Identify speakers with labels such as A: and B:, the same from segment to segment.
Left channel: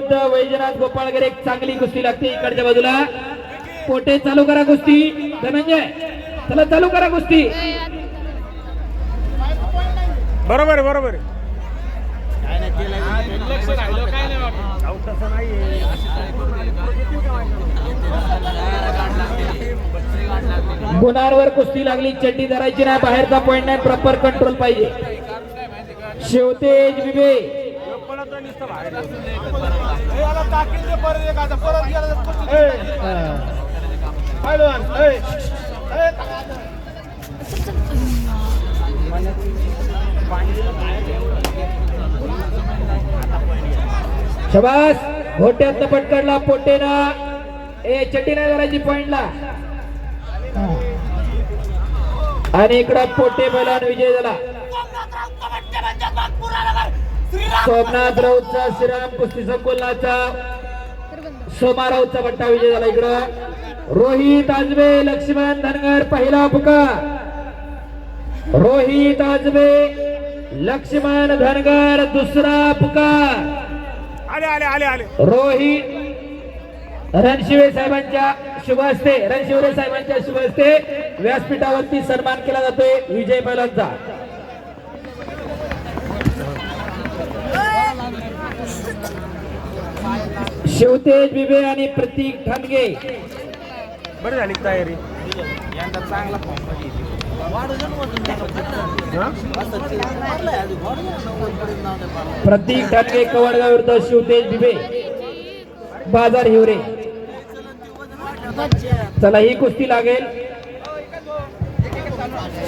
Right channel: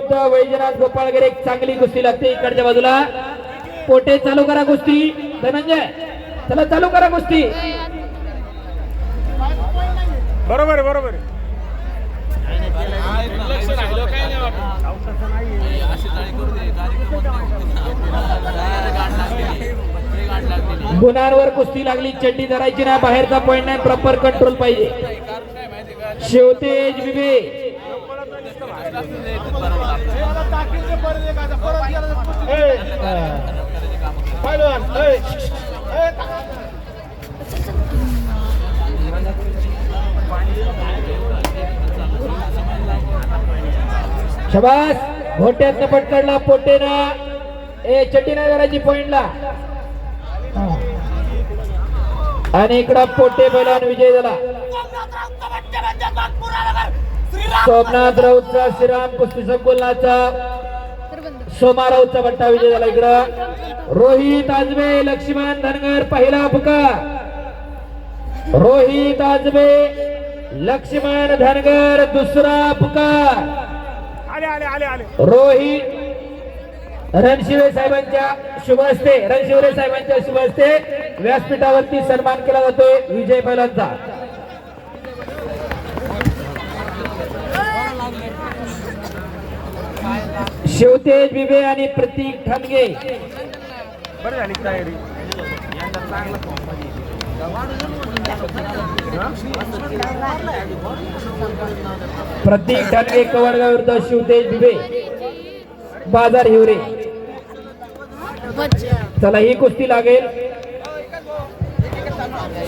A: विरुद्ध वैजनाथ गोपाळकर एक चांगली कुस्ती लागते इकडच्या बाजूला. पोटे चालू करा कुस्ती. धनंजय चला चालू करा कुस्ती.
B: बरोबर बरोबर.
A: गुणांवर कुस्ती लागली. चड्डी धरायची ना बाहेरचा पॉईंट नाही. प्रॉपर कंट्रोल पाहिजे. शिवतेज विवे शबास. घोट्यातनं पटकडला पोटेना. ए नाही धरायची पॉइंटला. आणि इकडं पोटे बैलान विजय झाला. सोमनाथ राऊतचा श्रीराम कुस्ती संकुलनाचा. सोमा राऊतचा बट्टा विजय झाला इकडं. रोहित आजबे लक्ष्मण धनगर पहिला पुका रोहित आजबे लक्ष्मण धनगर दुसरा
B: आले
A: रोहित रणशिवे साहेबांच्या शुभ हस्ते रणशिवरे साहेबांच्या शुभ हस्ते व्यासपीठावरती सन्मान केला जातोय विजय पैलवानचा शिवतेज बिबे आणि प्रतीक ठाणगे
B: बरं झाली तयारी. यंदा चांगला फॉर्म
A: प्रतीक ठाणगे कवडगाव विरुद्ध शिवतेज बिबे. बाजार हिवरे. चला ही कुस्ती लागेल.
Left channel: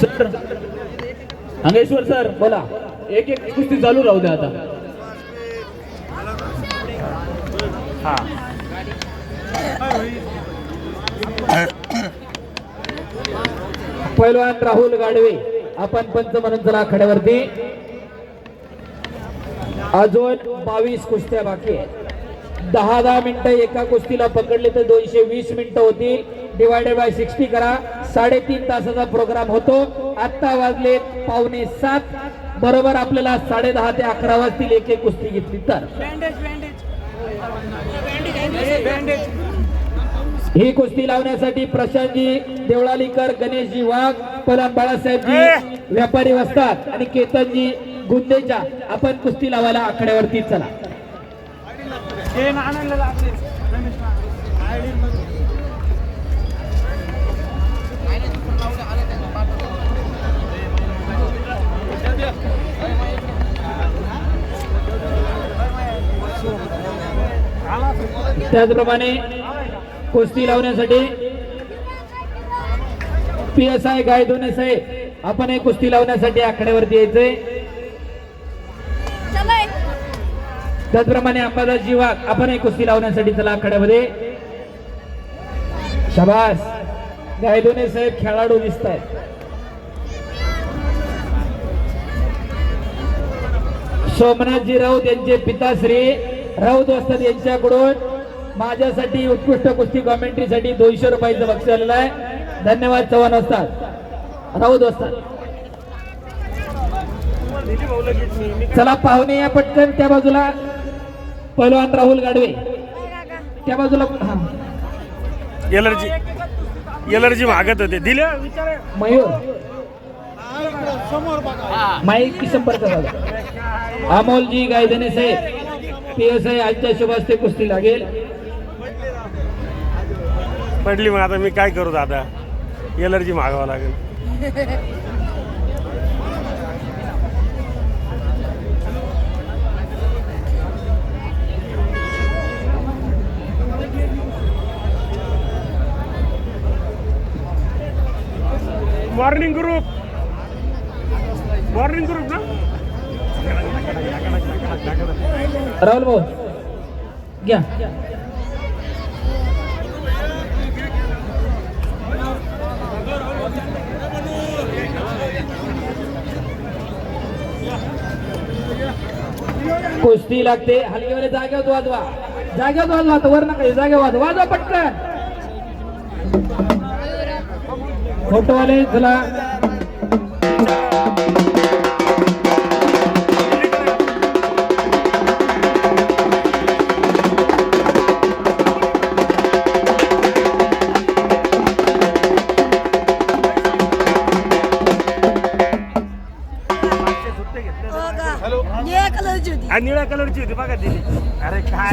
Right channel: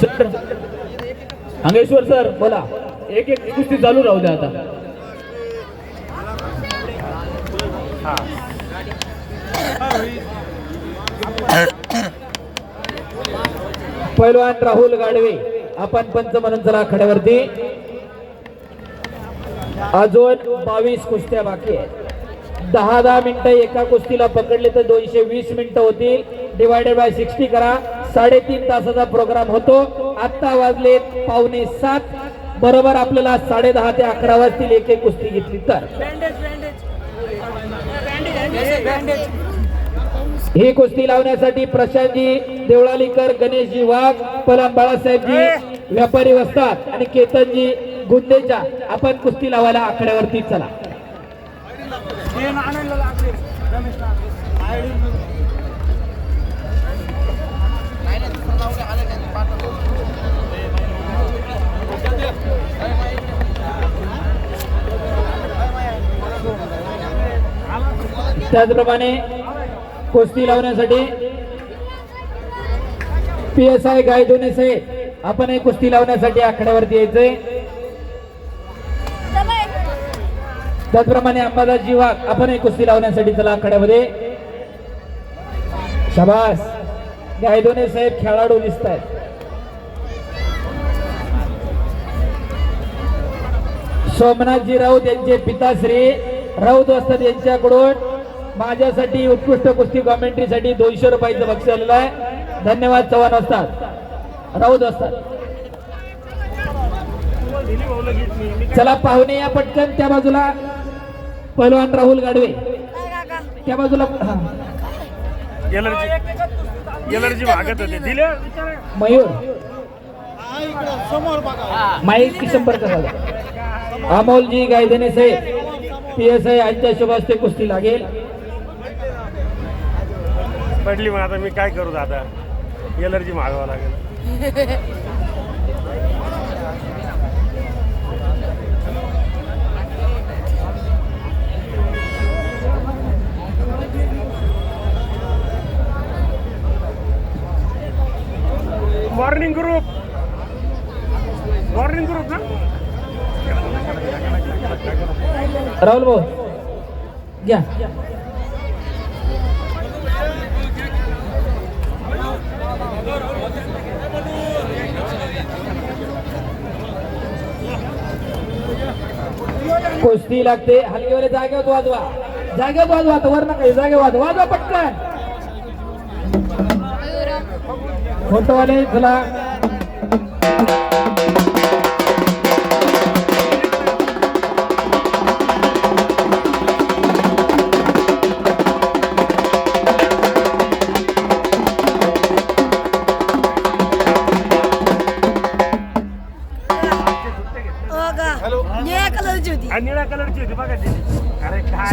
C: सर अंगेश्वर सर
A: बोला.
C: एक एक कुस्ती चालू राहू द्या आता.
A: पैलवान राहुल गाडवे आपण पंच म्हणून चला आखाड्यावरती. अजून बावीस कुस्त्या बाकी आहेत. दहा दहा मिनिटं एका कुस्तीला पकडले तर दोनशे वीस मिनिटं होती. डिवायडेड बाय सिक्स्टी करा. साडेतीन तासाचा प्रोग्राम होतो. आत्ता वाजले पावणे सात. बरोबर आपल्याला साडे दहा ते अकरा वाजतील एक एक कुस्ती घेतली तर. ही कुस्ती लावण्यासाठी प्रशांतजी देवळालीकर गणेशजी वाघ पलान बाळासाहेबजी व्यापारी वसतात आणि केतनजी गुंदेच्या. आपण कुस्ती लावायला आकड्यावरती चला. त्याचप्रमाणे कुस्ती लावण्यासाठी. पी एस आय गायदोने साहेब आपण हे कुस्ती लावण्यासाठी आखाड्यावरती यायचंय. त्याचप्रमाणे अंबादास जीवाग आपण एक कुस्ती लावण्यासाठी चला आखाड्यामध्ये शबास. गायदोने साहेब खेळाडू दिसत आहेत सोमनाथजी राऊत यांचे पिताश्री राऊत असतात यांच्याकडून. माझ्यासाठी उत्कृष्ट कुस्ती कॉमेंट्रीसाठी दोनशे रुपयाचं बक्षीस आलेलं आहे. धन्यवाद चव्हाण वस्ताद राऊत वस्ताद चला पाहुणे या पटकन त्या बाजूला. पहिलवान राहुल गाडवे. त्या बाजूला
B: एलर्जी एलर्जी होते. दिले?
A: मयूर. माईक संपर्क झाला. अमोलजी गायधने साहेब पी एस आय यांच्या शुभास्ते कुस्ती लागेल.
B: पडली मग आता मी काय करू दादा? एलर्जी मागावं लागेल. मॉर्निंग ग्रुप मॉर्निंग ग्रुप ना?
A: राहुल भाऊ घ्या. कुस्ती लागते. हलकीवाले जागेवर वाजवा. जागेवर वाजवा आता वर नका जागेवर वाजवा. वाजवा पटकन. फोटोवाले चला.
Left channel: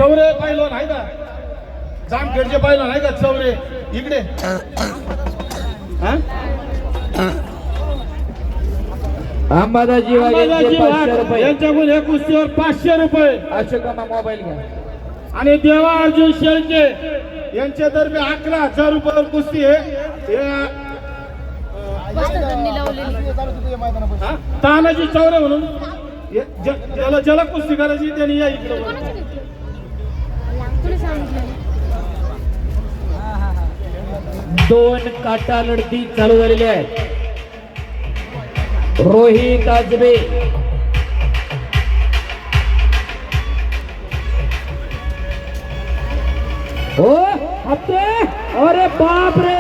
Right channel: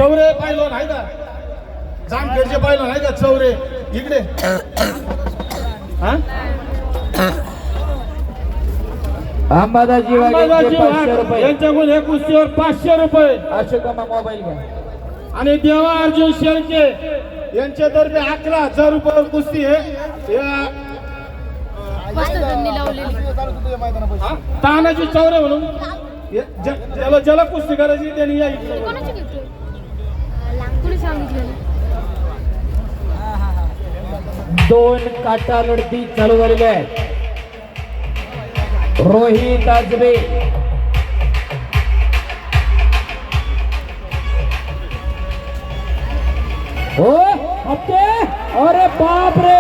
D: चौरे पाहिलं नाही का? जामखेडचे पाहिलं नाही का चौरे? इकडे. हा?
A: अंबादाजी
D: अंबादाजी वाघ यांच्याकडून या कुस्तीवर पाचशे रुपये.
A: अशोकामा मोबाईल घ्या.
D: आणि देवा अर्जुन शेळके यांच्यातर्फे अकरा हजार रुपये कुस्ती आहे. या, हा? तानाजी चौरे म्हणून. या- ज्या- ज्याला ज्याला कुस्ती करायची त्यांनी या इकडे
E: कोणाची घेतली?
A: दोन काटा लढती चालू झालेल्या आहेत. रोहित आजबे. हो हप्ते? अरे बाप रे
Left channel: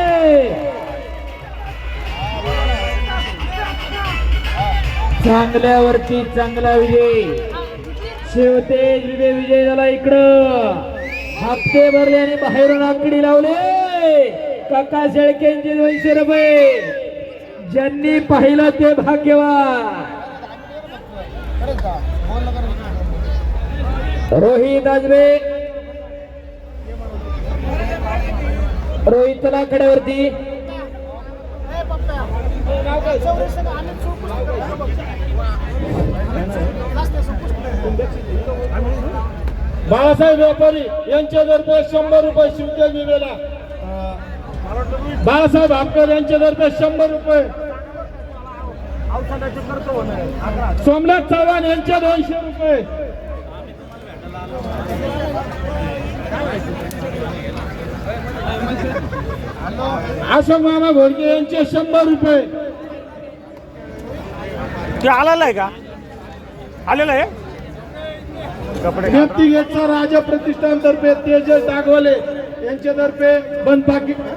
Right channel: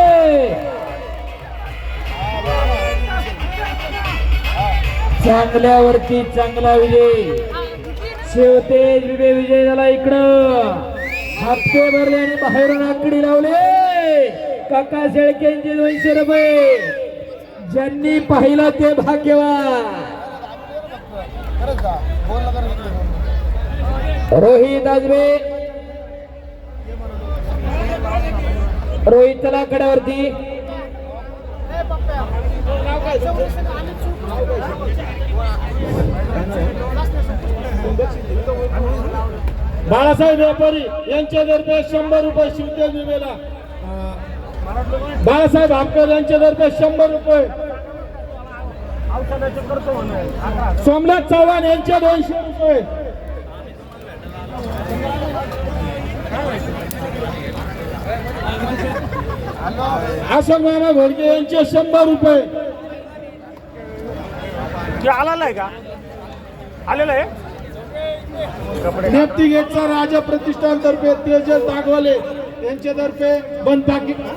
A: चांगल्यावरती चांगला विजय? शेवटे विजय विजय झाला इकडं. हप्ते भरले आणि बाहेरून आकडी लावले. काका शेळकेंचे दोनशे रुपये ज्यांनी पाहिलं ते भाग्यवान. रोहित आजबे रोहित चला कड्यावरती.
D: बाळासाहेब व्यापारी यांच्या यांच्यातर्फे शंभर रुपये शिवतेल विवेला बाळासाहेब यांच्या यांच्यातर्फे शंभर रुपये. सोमनाथ चव्हाण यांचे दोनशे रुपये. अशोक मामा घोडके यांचे शंभर रुपये.
B: ते आलेला आहे का? आलेलं आहे? कपडे
D: नेप्ती गेटचा राजा प्रतिष्ठान तर्फे तेजस दागवाले. यांच्यातर्फे बंद पाकिट हा,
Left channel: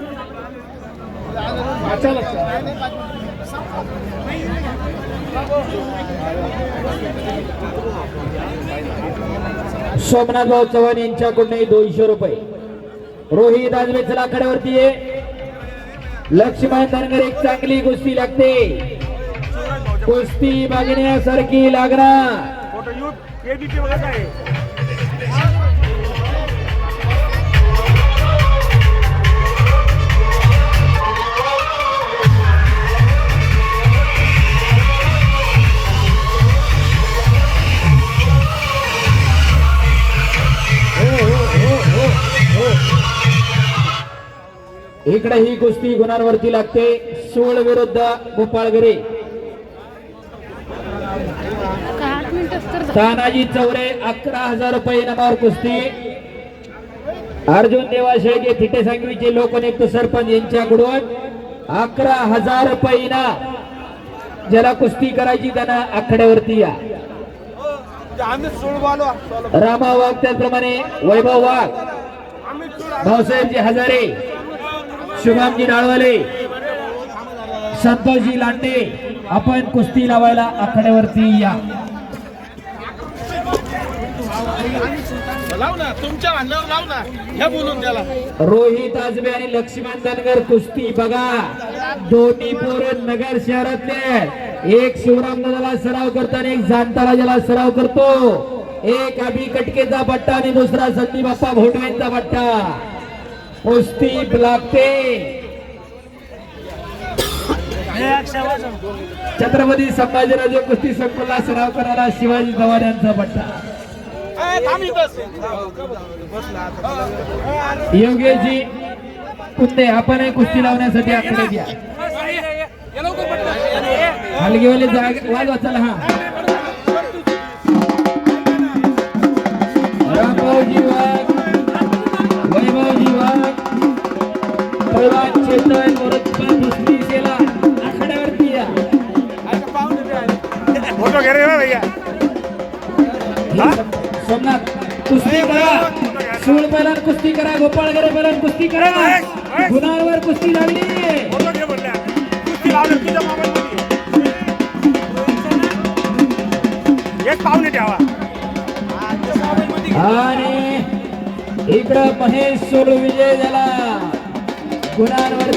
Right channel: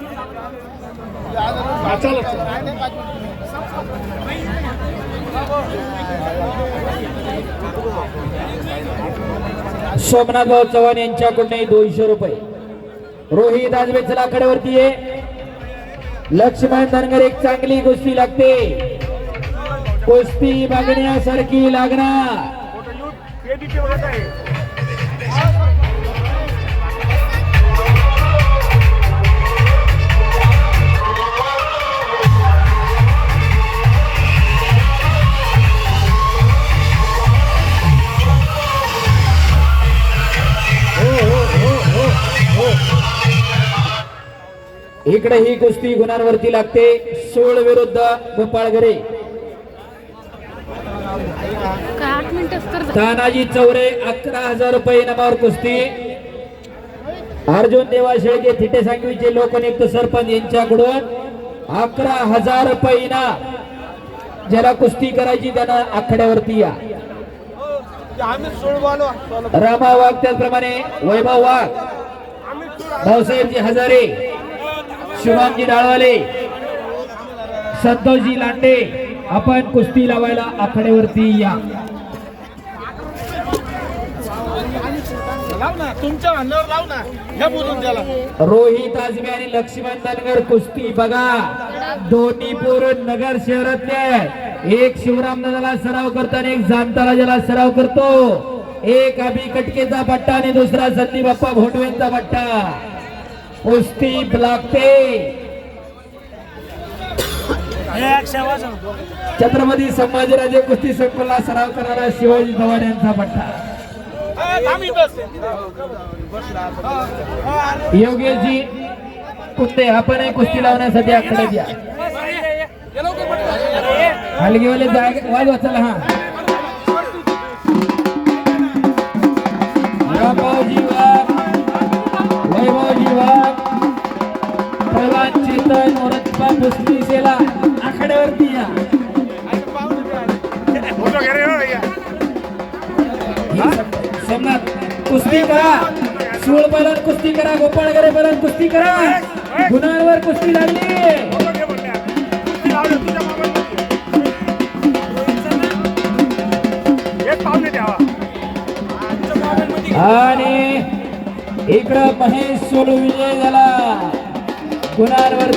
A: सोमनाथभाऊ चव्हाण यांच्याकडून दोनशे रुपये. रोहित आजबे लाकड्यावरती आहे. लक्ष्मण धनगर एक चांगली गोष्टी लागते. कुस्ती मागण्यासारखी लागणार.
B: फोटो युथ आहे
A: इकडे ही कुस्ती गुणांवरती लागते. सोळ विरुद्ध गोपाळगरे
E: काय आठ मिनिटच तर झाली.
A: तानाजी चौरे अकरा हजार रुपये इनामावर कुस्ती. अर्जुन देवाशेळके थिटे सांगवीचे लोकनियुक्त सरपंच यांच्याकडून अकरा हजार रुपये इनाम. ज्याला कुस्ती करायची त्यांना आखाड्यावरती या. रामा वाघ त्याचप्रमाणे वैभव वाघ भाऊसाहेबजी हजारे शुभामजी डाळवाले संतोषजी लांडे आपण कुस्ती लावायला आखाड्यावरती या.
D: लाव ना तुमच्या आणल्यावर लाव ना. बोलून त्याला.
A: रोहित आजबे आणि लक्ष्मण धनगर कुस्ती. बघा दोन्ही पोरं नगर शहरातले. एक शिवराम दादाला सराव करतो आणि एक जाणताला ज्याला सराव करतो. एक अभि कटकेचा पट्टा आणि दुसरा संदीप बाप्पा घोटवेंचा पट्टा कुस्ती लागते छत्रपती संभाजीराजे कुस्ती संकुलला सराव करणारा शिवाजी पवार यांचा पट्टा योगेशजी कुस्ते आपण कुस्ती लावण्यासाठी आकडे द्या हलगेवाले जाग वाज वाचायला हा. कुस्ती करा. गुणांवर कुस्ती लागली. आणि इकडं महेश सोडू विजय झाला. गुणांवर